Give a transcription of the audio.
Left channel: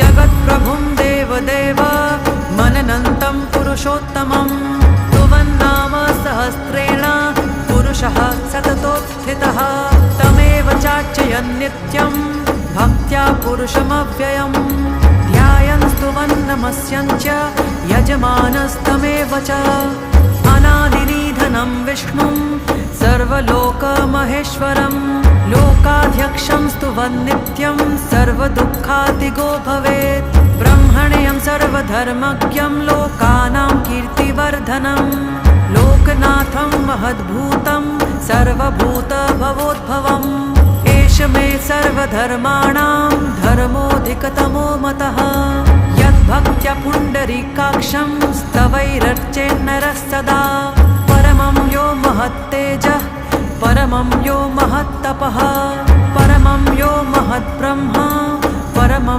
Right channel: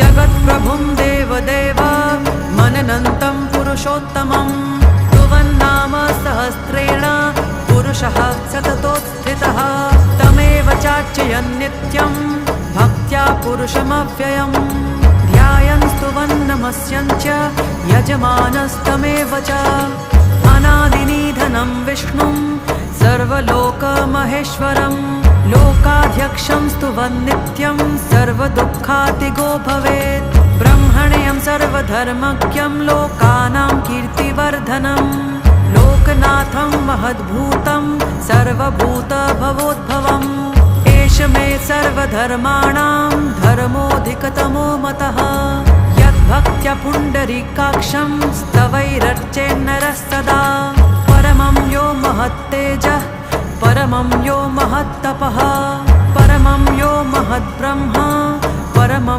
जगत्प्रभुं देवदेव मननन्तं पुरुषोत्तमं तुवन्नाम सहस्रेण पुरुषः सततोत्थितः तमेव चार्चयन् नित्यं भक्त्या पुरुषमव्ययम् ध्यायन् स्तुवन् नमस्यन् च यजमानस्तमेव च अनादिनिधनं विष्णुं सर्वलोकमहेश्वरं लोकाध्यक्षं स्तुवन् नित्यं सर्वदुःखातिगो भवेत् ब्रह्मण्यं सर्वधर्मज्ञं लोकानां कीर्तिवर्धनं लोकनाथं महद्भूतं सर्वभूतभवोद्भवम् एष मे सर्वधर्माणां धर्मोऽधिकतमो मतः यद्भक्त्या पुण्डरीकाक्षं स्तवैरर्चेन्नरः सदा परमं यो महत्तेजः परमं यो महत्तपः परमं यो महद्ब्रह्मा परमं